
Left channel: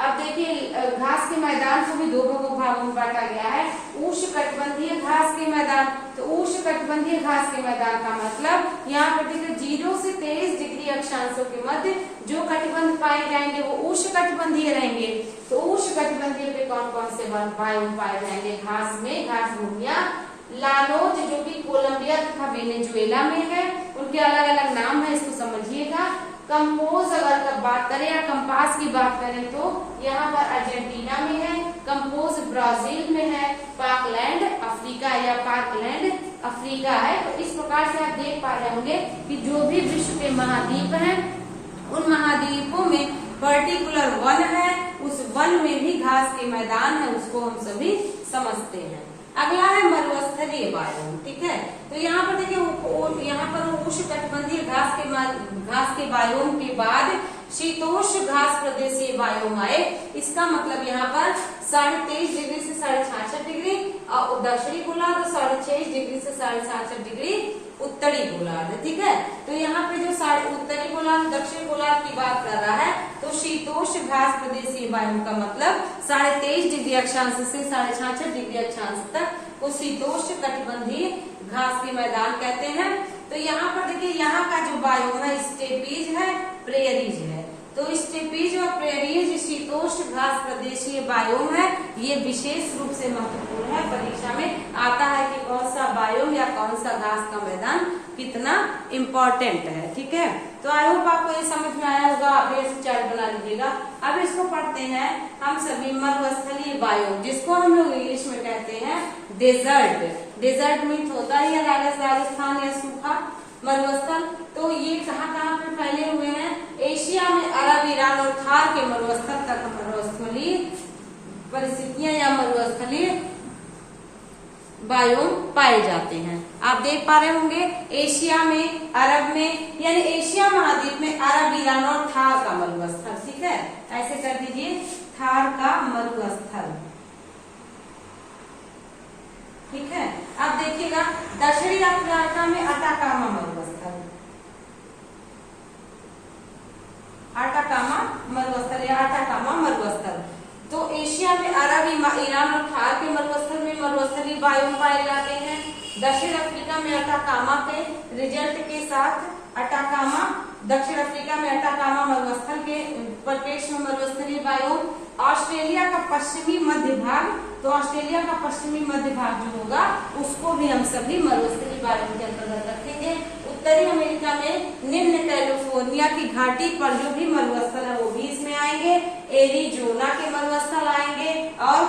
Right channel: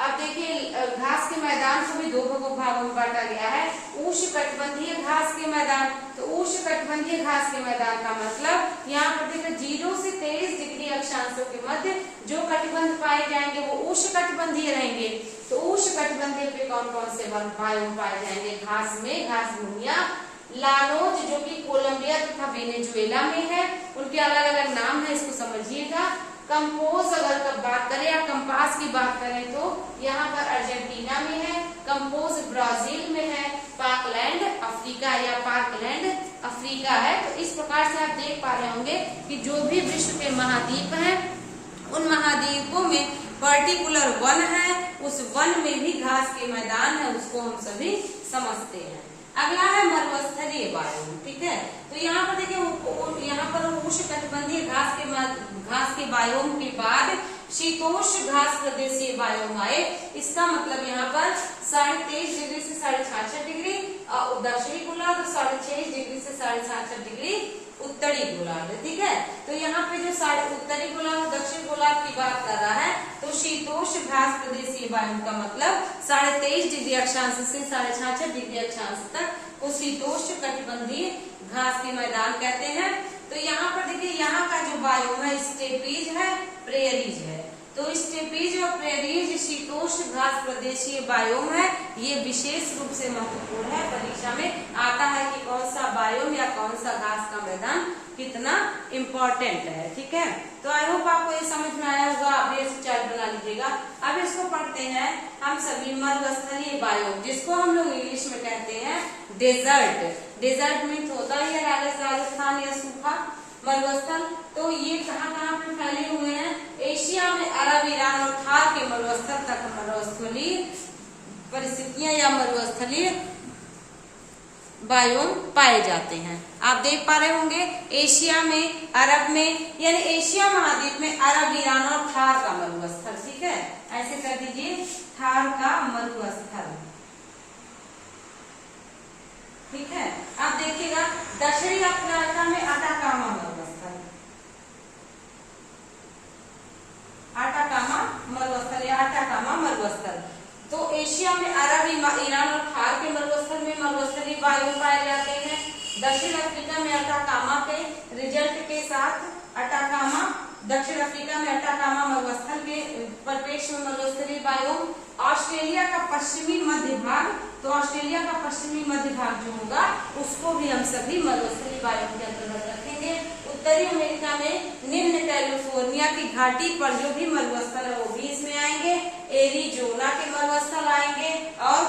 अब देखिए घास के मैदान को भी दो भागों में बांटा गया है। उष्णकटिबंधीय घास के मैदान, तो उष्णकटिबंधीय घास के मैदान का मतलब यहाँ पर देखिए 0 से 23 डिग्री अक्षांशों के मध्य जो कटिबंध पाए जाएंगे वो उष्णकटिबंधीय रहेंगे। तो उष्णकटिबंधीय पे कौन कौन से वायु पाए जाएंगे घास में, घास भूमियां, लानोज जो कि कोलंबिया तथा वेनेजुएला में है, उनके अलग अलग नाम है, इसको समझिएगा। कंपोज अगर बात करें या कंपास की बात करें तो यहाँ पर अर्जेंटीना में है, कंपोज ब्राजील में है, पाकलैंड अफ्रीका या पाकलैंड अफ्रीका है। तो इस प्रकार से आप देख पा रहे होंगे कि जो भी विश्व के महाद्वीप हैं उन महाद्वीपों में पर्टिकुलर वन है, उस वन में भी घास के मैदान है, उसको हम सभी समझते हैं। अगला है मरुस्थलीय वायु। ठीक है, तो यहाँ पर देखिए यहाँ पर उष्णकटिबंधीय घास के वायुओं के बाद शीतोष्ण घास प्रदेशीय वायु आए। इसका मतलब यहाँ पर 23.5 डिग्री से 66.5 डिग्री दक्षिणी गोलार्ध और 26.5 डिग्री से 66.5 डिग्री उत्तरी गोलार्ध। ठीक है, तो यहाँ पे जो उत्तरी गोलार्ध दक्षिणी गोलार्ध की बात कर रहा है, तो शीतोष्ण घास प्रदेशीय वायु का मतलब 23.5 डिग्री अक्षांश से 66.5 डिग्री अक्षांश तक को शीतोष्ण कटिबंधीय घास के मैदान कहते हैं। तो यहाँ पर देखिए यहाँ का जो वायु है स्टेपीज है, प्रेरीज है। तो स्टेपीज और प्रेरीज शीतोष्ण घास प्रदेशीय वायुम है, ये विशेष रूप से महत्वपूर्ण है। परीक्षा में आता है कि कौन सा वायुम या कौन सा घास का मैदान कितना इम्पोर्टेंट है। ठीक है, तो आई होप आपको ये समझ में आया होगा। आप ये चार्ट बना लीजिएगा। अब इसको पढ़ते हैं हम सभी मरुस्थलीय वायु, जिसको हम लोग इंग्लिश में कहते हैं डेजर्ट। डेजर्ट मीन्स होता है राजस्थान या सूखा मरुस्थल। तो ये कहाँ कहाँ पे फैले हुए हैं, एशिया में अरब, ईरान और थार के मरुस्थल तक मरुस्थलीय परिस्थितियां या मरुस्थलीय वायु पाए जाते हैं। आप देख पा रहे होंगे एशिया में, अरब में, यानी एशिया महाद्वीप में अरब, ईरान और थार का मरुस्थल। ठीक है, ऐसे कर दीजिए, थार का मरुस्थल। ठीक है, अब देखिएगा दक्षिणी अफ्रीका में अटाकामा मरुस्थल। एशिया में अरब, ईरान और थार के मरुस्थल में मरुस्थलीय बायोम पाए जाते हैं। दक्षिण अफ्रीका में अटाकामा के रिजल्ट के साथ दक्षिण अफ्रीका में अटाकामा मरुस्थल के परिप्रेक्ष्य में मरुस्थलीय बायोम। ऑस्ट्रेलिया का पश्चिमी मध्य भाग, तो ऑस्ट्रेलिया का पश्चिमी मध्य भाग जो होगा उसको भी हम सभी मरुस्थलीय बायोम के अंतर्गत रखेंगे। उत्तरी अमेरिका में निम्न कैलिफोर्निया की घाटी पर जो भी मरुस्थल है वो भी इसमें आएंगे। एरिजोना के मरुस्थल आएंगे और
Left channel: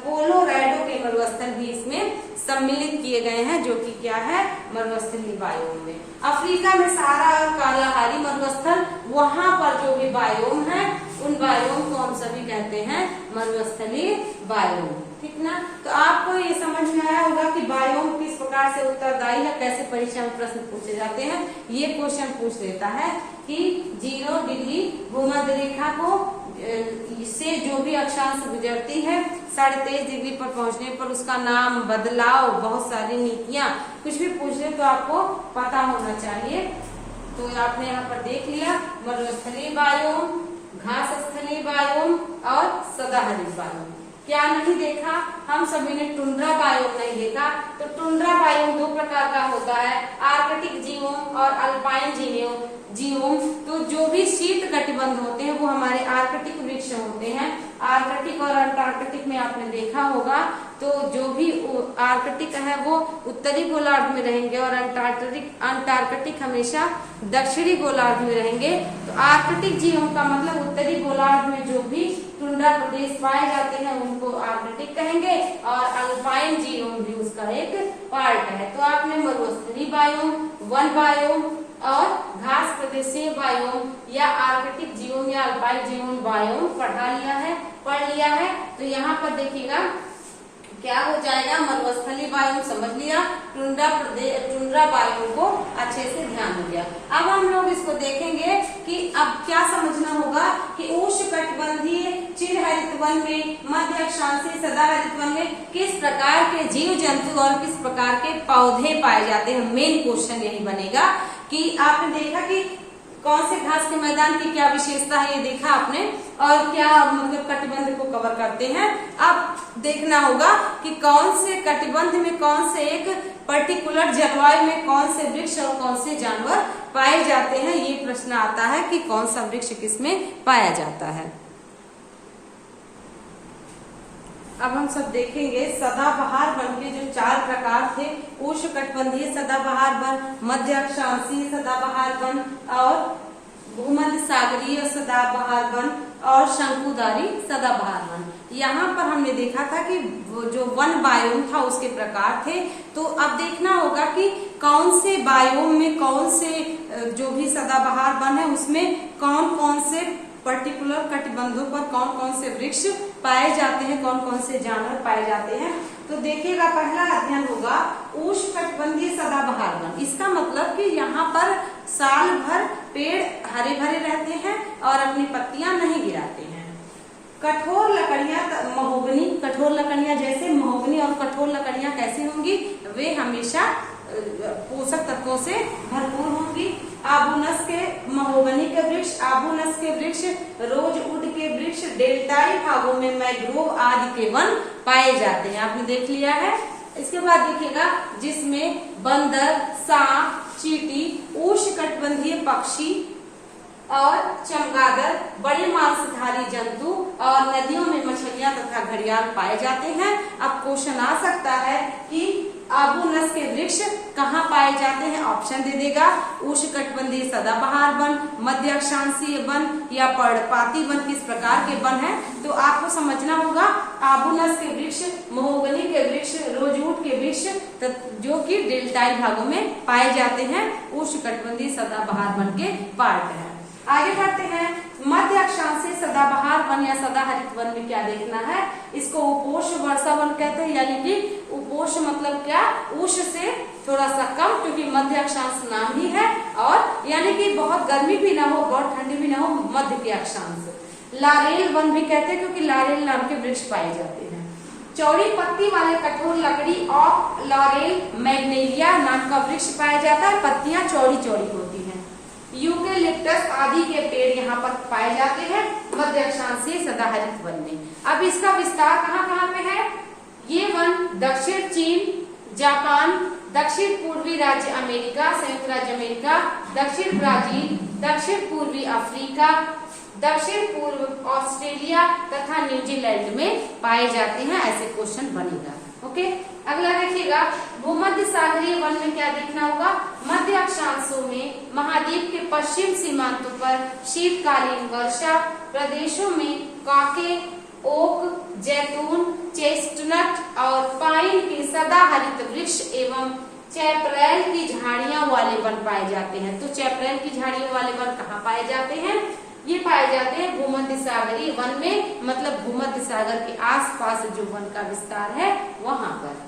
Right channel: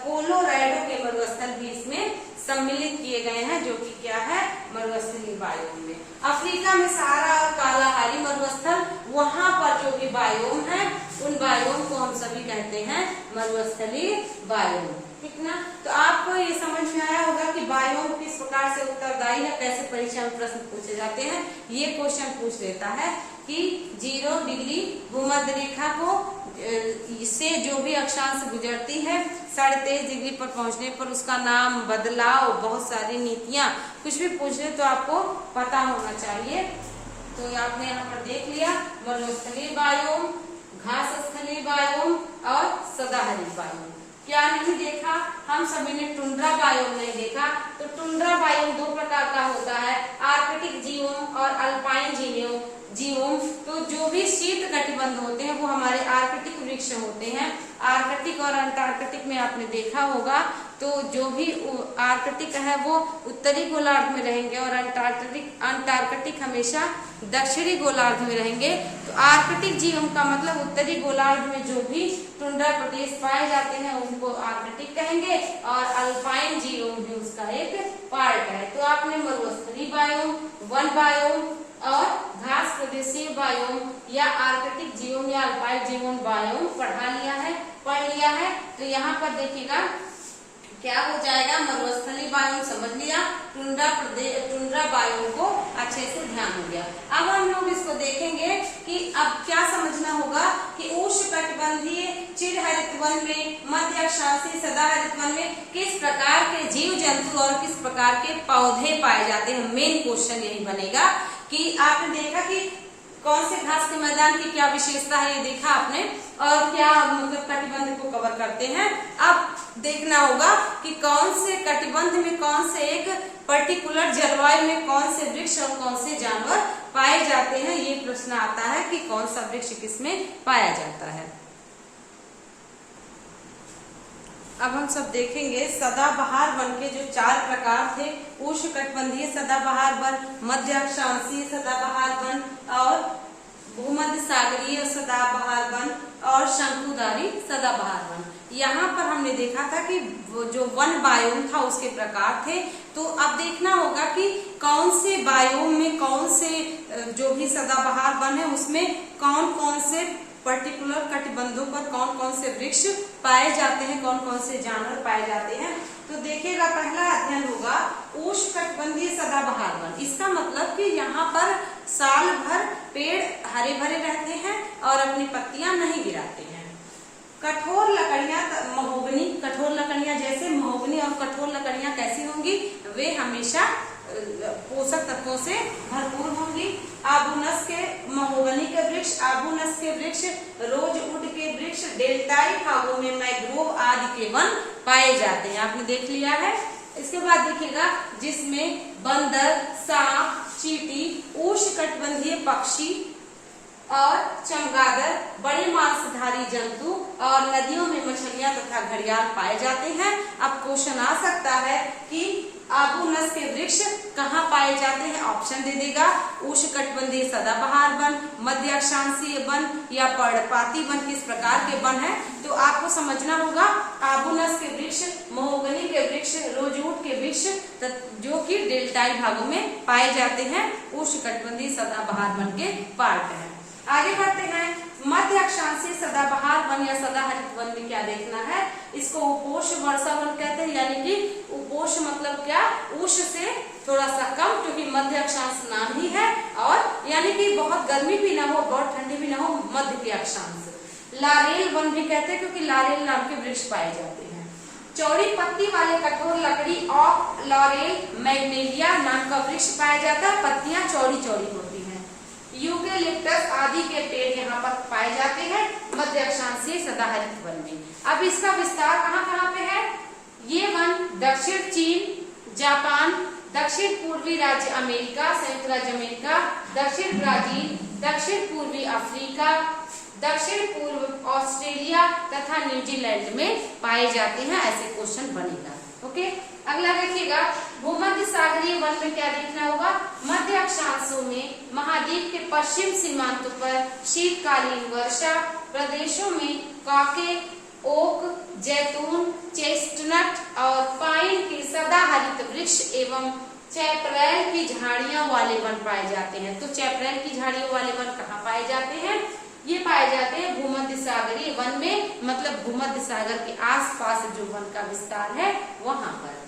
कोलोराडो के मरुस्थल भी इसमें सम्मिलित किए गए हैं, जो कि क्या है, मरुस्थलीय बायोम में। अफ्रीका में सहारा और कालाहारी मरुस्थल, वहां पर जो भी बायोम है उन बायोम को हम सभी कहते हैं मरुस्थलीय बायोम। ठीक ना। तो आपको ये समझ में आया होगा कि बायोम किस प्रकार से उत्तरदायी है, कैसे परीक्षा में प्रश्न पूछे जाते हैं। ये क्वेश्चन पूछ देता है कि 0 डिग्री भूमध्य रेखा को से जो भी अक्षांश गुजरती है 23.5 डिग्री पर पहुंचने पर उसका नाम, बदलाव, बहुत सारी नीतियां, कुछ भी पूछ ले तो आपको पता होना चाहिए। तो आपने यहाँ पर देख लिया मरुस्थलीय बायोम, घास स्थलीय बायोम और सदाहरित बायोम। क्या नहीं देखा, हम सभी ने टुंड्रा बायोम नहीं देखा। तो टुंड्रा बायोम 2 प्रकार का होता है, आर्कटिक जीवोम और अल्पाइन जीवोम। तो जो भी शीत कटिबंध होते हैं वो हमारे आर्कटिक वृक्ष होते हैं। आर्कटिक और अंटार्कटिक में आपने देखा होगा, तो जो भी आर्कटिक है वो उत्तरी गोलार्ध में रहेंगे और अंटार्कटिक हमेशा दक्षिणी गोलार्ध में रहेंगे। तो आर्कटिक जीवों का मतलब उत्तरी गोलार्ध में जो भी टुंड्रा प्रदेश पाए जाते हैं उनको आर्कटिक कहेंगे, और अल्पाइन जीवों भी उसका एक पार्ट है। तो आपने मरुस्थलीय बायोम, वन बायोम और घास प्रदेशीय बायोम या आर्कटिक जीवोम या अल्पाइन जीवोम बायोम पढ़ लिया है। तो यहाँ पर देखिएगा क्या हो जाएगा, मरुस्थलीय बायोम समझ लिया, टुंड्रा बायोम को अच्छे से ध्यान हो गया। अब हम लोग इसको देखेंगे कि अब क्या समझना होगा कि उष्णकटिबंधीय चिरहरित वन में, मध्य अक्षांशीय सदाहरित वन में किस प्रकार के जीव जंतु और किस प्रकार के पौधे पाए जाते हैं। मेन क्वेश्चन यही बनेगा कि आपने देखा कि कौन से घास के मैदान की क्या विशेषता है, ये देखा आपने, और क्या मतलब कटिबंध को कवर करते हैं। अब देखना होगा कि कौन से कटिबंध में, कौन से एक पर्टिकुलर जलवायु में कौन से वृक्ष और कौन से जानवर पाए जाते हैं। ये प्रश्न आता है कि कौन सा वृक्ष किसमें पाया जाता है। अब हम सब देखेंगे सदाबहार वन के जो 4 प्रकार थे, उष्णकटिबंधीय सदाबहार वन, मध्य अक्षांशीय सदाबहार वन और भूमध्य सागरीय सदाबहार वन और शंकुधारी सदाबहार वन। यहाँ पर हमने देखा था कि वो जो वन बायोम था उसके प्रकार थे। तो अब देखना होगा कि कौन से बायोम में कौन से जो भी सदाबहार वन है उसमें कौन कौन से पर्टिकुलर कटिबंधों पर कौन कौन से वृक्ष पाए जाते हैं, कौन कौन से जानवर पाए जाते हैं। तो देखिएगा पहला अध्ययन होगा उष्णकटिबंधीय सदाबहार वन। इसका मतलब कि यहाँ पर साल भर पेड़ हरे भरे रहते हैं और अपनी पत्तियां नहीं गिराते हैं। कठोर लकड़ियां, महोगनी, कठोर लकड़ियां जैसे महोगनी और कठोर लकड़ियां कैसी होंगी, वे हमेशा पोषक तत्वों से भरपूर होंगी। आबूनस के महोगनी के वृक्ष, आबूनस के वृक्ष, रोजवुड के वृक्ष, डेल्टाई भागों में मैंग्रोव आदि के वन पाए जाते हैं। आपने देख लिया है। इसके बाद देखिएगा जिसमें बंदर, सांप, चींटी, उष्णकटिबंधीय पक्षी और चमगादड़, बड़े मांसधारी जंतु और नदियों में मछलियां तथा घड़ियाल पाए जाते हैं। अब क्वेश्चन आ सकता है कि आबूनस के वृक्ष कहाँ पाए जाते हैं। ऑप्शन दे देगा, उष्णकटिबंधीय सदाबहार वन, मध्य अक्षांशीय वन या पर्णपाती वन किस प्रकार के वन है। तो आपको समझना होगा आबूनस के वृक्ष, महोगनी के वृक्ष, रोजवुड के वृक्ष जो कि डेल्टाई भागों में पाए जाते हैं, उष्णकटिबंधीय सदाबहार वन के पार्ट है। आगे बढ़ते हैं, मध्य अक्षांशीय सदाबहार वन या सदाहरित वन में क्या देखना है। इसको उपोष्ण वर्षा वन कहते हैं, यानी कि उपोष्ण मतलब क्या, उष्ण से थोड़ा सा कम, क्योंकि मध्य अक्षांश नाम ही है, और यानी कि बहुत गर्मी भी ना हो बहुत ठंडी भी ना हो, मध्य के अक्षांश। लारेल वन भी कहते हैं क्योंकि लारेल नाम के वृक्ष पाए जाते हैं। चौड़ी पत्ती वाले कठोर लकड़ी ऑफ लॉरेल मैग्नेलिया नाम का वृक्ष पाया जाता है, पत्तियां चौड़ी चौड़ी होती हैं। यूकेलिप्टस आदि के पेड़ यहाँ पर पाए जाते हैं। मध्य अक्षांशीय सदाहरित वन में। अब इसका विस्तार कहाँ कहाँ पे है? ये वन दक्षिण चीन, जापान, दक्षिण पूर्वी राज्य अमेरिका, संयुक्त राज्य अमेरिका, दक्षिण ब्राजील, दक्षिण पूर्वी अफ्रीका, दक्षिण पूर्व ऑस्ट्रेलिया तथा न्यूजीलैंड में पाए जाते हैं। ऐसे क्वेश्चन बनेगा। ओके, अगला देखिएगा, भूमध्य सागरीय वन में क्या देखना होगा? मध्य अक्षांशों में महाद्वीप के पश्चिम सीमांतों पर शीतकालीन वर्षा प्रदेशों में काके, ओक, जैतून, चेस्टनट और पाइन के सदाहरित वृक्ष एवं चैपरेल की झाड़ियां वाले वन पाए जाते हैं। तो चैपरेल की झाड़ियों वाले वन कहाँ पाए जाते हैं? ये पाए जाते हैं भूमध्य सागरीय वन में, मतलब भूमध्य सागर के आसपास जो वन का विस्तार है वहां पर।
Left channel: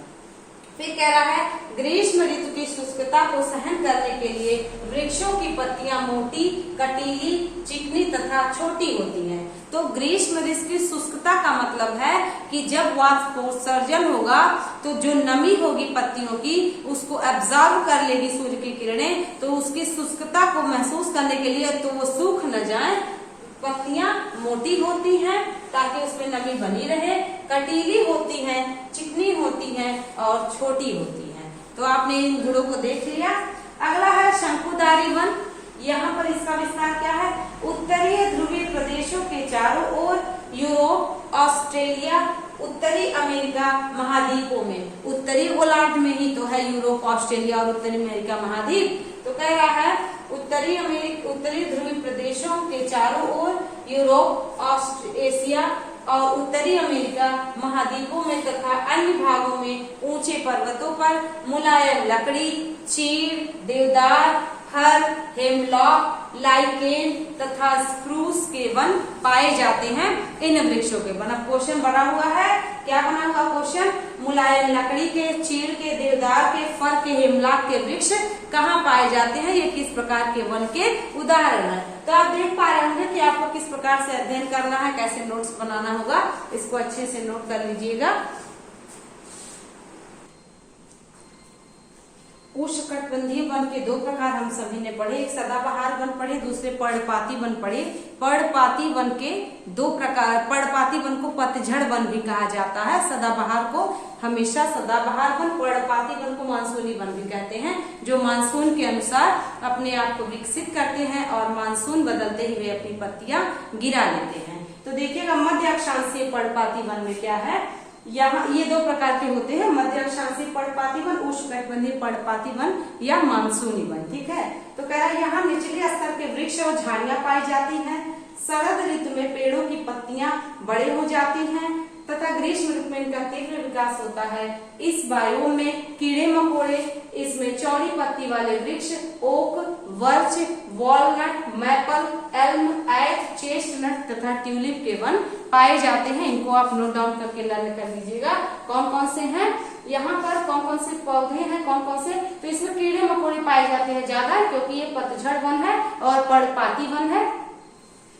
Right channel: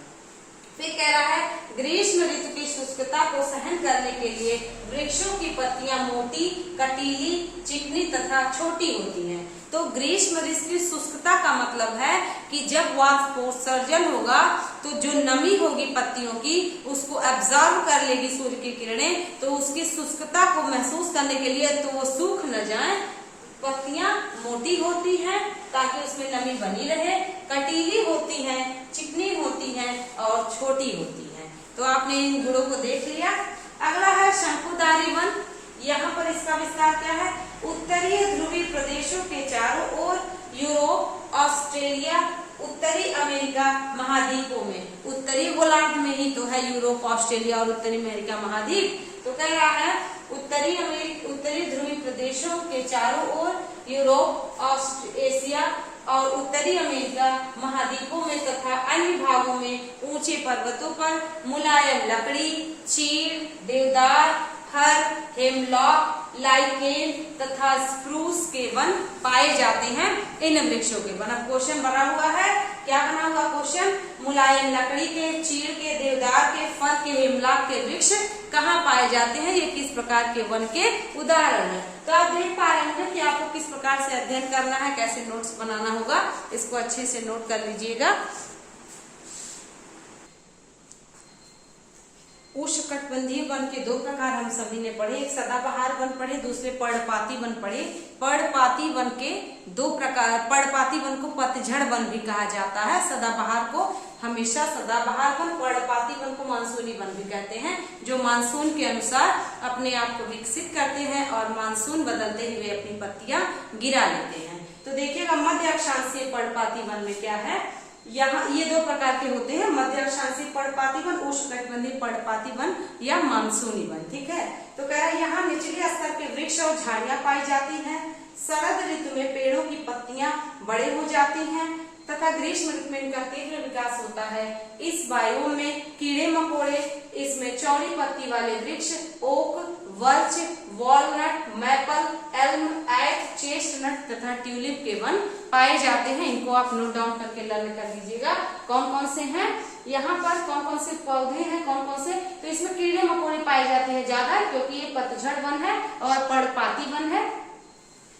फिर कह रहा है, ग्रीष्म ऋतु की शुष्कता को सहन करने के लिए वृक्षों की पत्तियां मोटी, कटीली, चिकनी तथा छोटी होती हैं। तो ग्रीष्म ऋतु की शुष्कता का मतलब है कि जब वाष्पोत्सर्जन होगा तो जो नमी होगी पत्तियों की उसको एब्जॉर्ब कर लेगी सूर्य की किरणें, तो उसकी शुष्कता को महसूस करने के लिए तो वो सूख न जाए, पत्तियां मोटी होती हैं ताकि उसमें नमी बनी रहे, कटीली होती हैं, चिकनी होती हैं और छोटी होती हैं। तो आपने इन गुणों को देख लिया। अगला है शंकुधारी वन। यहाँ पर इसका विस्तार क्या है? उत्तरीय ध्रुवीय प्रदेशों के चारों ओर यूरोप, ऑस्ट्रेलिया, उत्तरी अमेरिका महाद्वीपों में, उत्तरी गोलार्ध में ही तो है यूरोप, ऑस्ट्रेलिया और उत्तरी अमेरिका महाद्वीप। तो कह रहा है उत्तरी ध्रुवीय प्रदेशों के चारों ओर यूरोप, एशिया और उत्तरी अमेरिका महाद्वीपों में तथा अन्य भागों में ऊंचे पर्वतों पर मुलायम लकड़ी, चीड़, देवदार, फर, हेमलॉक, लाइकेन तथा स्प्रूस के वन पाए जाते हैं। इन वृक्षों के वन। अब क्वेश्चन बना हुआ है, क्या बना हुआ क्वेश्चन? मुलायम लकड़ी के, चीड़ के, देवदार के, फर के, हेमलॉक के वृक्ष कहाँ पाए जाते हैं? ये किस प्रकार के वन के उदाहरण है? तो आप देख पा रहे होंगे कि आपको किस प्रकार से अध्ययन करना है, कैसे नोट्स बनाना होगा। इसको अच्छे से नोट कर लीजिएगा। उष्णकटिबंधीय वन के दो प्रकार हम सभी ने पढ़े, एक सदाबहार वन पढ़े, दूसरे पर्णपाती वन पढ़े। पर्णपाती वन के दो प्रकार, पर्णपाती वन को पतझड़ वन भी कहा जाता है, सदाबहार को हमेशा सदाबहार वन, पर्णपाती वन को मानसूनी वन भी कहते हैं, जो मानसून के अनुसार अपने आप को विकसित करते हैं और मानसून बदलते ही वे अपनी पत्तियां गिरा लेते हैं। तो देखिएगा, मध्य अक्षांशीय पर्णपाती वन में क्या है? यहाँ ये दो प्रकार के होते हैं, मध्य अक्षांशीय पर्णपाती वन, उष्णकटिबंधीय पर्णपाती वन या मानसूनी वन। ठीक है, तो कह रहा है यहाँ निचले स्तर के वृक्ष और झाड़ियां पाई जाती हैं। शरद ऋतु में पेड़ों की पत्तियां बड़े हो जाती हैं तथा ग्रीष्म ऋतु में इनका तीव्र विकास होता है। इस बायोम में कीड़े मकोड़े, इसमें चौड़ी पत्ती वाले वृक्ष ओक, वर्च, वॉलनट, मैपल, एल्म, ऐक, चेस्टनट तथा ट्यूलिप के वन पाए जाते हैं। इनको आप नोट डाउन करके लर्न कर लीजिएगा कौन कौन से हैं। यहाँ पर कौन कौन से पौधे हैं, कौन कौन से, तो इसमें कीड़े मकोड़े पाए जाते हैं ज्यादा, क्योंकि ये पतझड़ वन है और पर्णपाती वन है।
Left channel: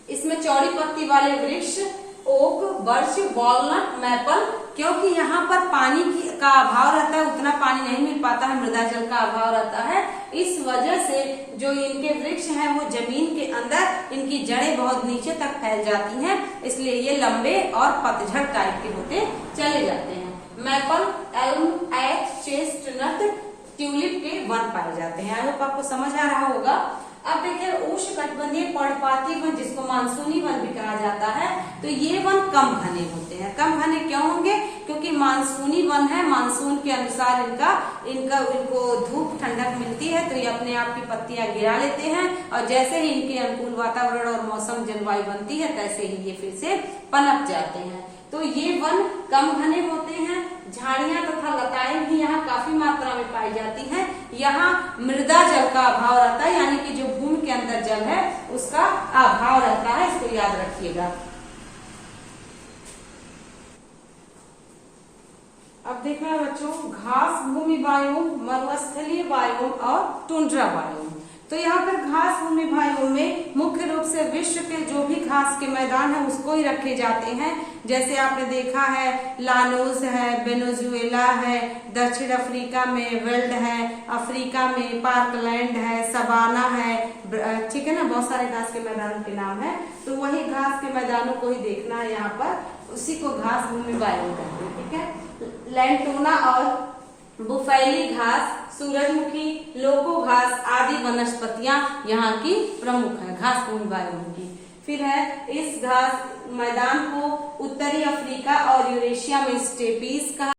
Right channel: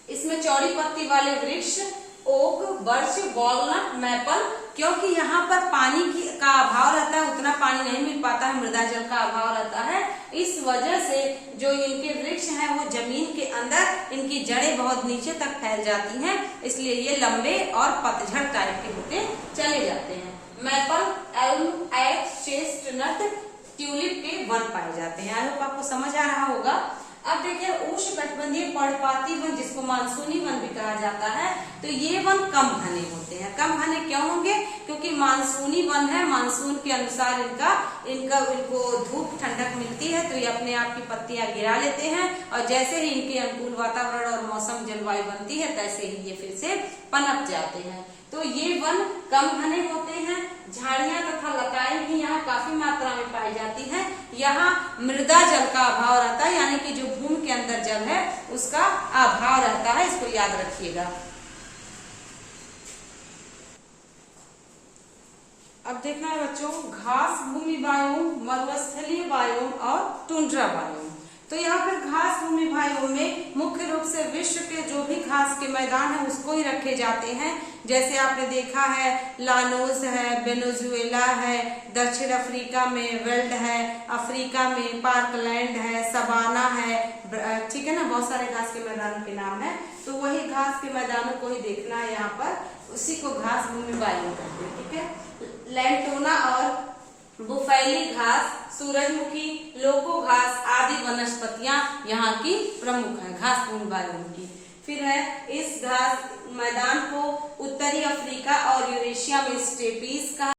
इसमें चौड़ी पत्ती वाले वृक्ष ओक, बर्च, वॉलनट, मैपल, क्योंकि यहाँ पर पानी का अभाव रहता है, उतना पानी नहीं मिल पाता है, मृदा जल का अभाव रहता है। इस वजह से जो इनके वृक्ष हैं वो जमीन के अंदर, इनकी जड़ें बहुत नीचे तक फैल जाती हैं, इसलिए ये लंबे और पतझड़ टाइप के होते चले जाते हैं। मैपल, एल्म, ऐक, चेस्टनट, ट्यूलिप के वन पाए जाते हैं। आई होप आपको समझ आ रहा होगा। अब देखिए, उष्णकटिबंधीय पर्णपाती वन जिसको मानसूनी वन भी कहा जाता है, तो ये वन कम घने होते हैं। कम घने क्यों होंगे? क्योंकि मानसूनी वन है, मानसून के अनुसार इनको धूप ठंडक मिलती है, तो ये अपने आप की पत्तियां गिरा लेते हैं और जैसे ही इनके अनुकूल वातावरण और मौसम जलवायु बनती है तैसे ही ये फिर से पनप जाते हैं। तो ये वन कम घने होते हैं। झाड़ियां तथा लताएं भी यहाँ काफी मात्रा में पाई जाती हैं। यहाँ मृदा जल का अभाव रहता है, यानी कि जो भूमि के अंदर जल है उसका अभाव रहता है, इसको याद रखिएगा। अब देखना है बच्चों, घास भूमि बायोम, मरुस्थलीय बायोम और टुंड्रा बायोम। तो यहाँ पर घास भूमि बायोम में मुख्य रूप से विश्व के जो भी घास के मैदान है उसको ही रखे जाते हैं। जैसे आपने देखा है लानोस है, वेनेजुएला है, दक्षिण अफ्रीका में वेल्ड है, अफ्रीका में पार्कलैंड है, सवाना है, ठीक है ना, बहुत सारे घास के मैदानों के नाम है। तो वही घास के मैदानों को ही देखना है यहाँ पर, उसी को घास भूमि बायोम कहते हैं। ठीक है, लैंटोना और बुफैली घास, सूरजमुखी, लोको घास आदि वनस्पतियां यहाँ की प्रमुख है घास भूमि बायोम की। फिर है इस घास मैदान को उत्तरी अफ्रीका और यूरेशिया में स्टेपीज कहा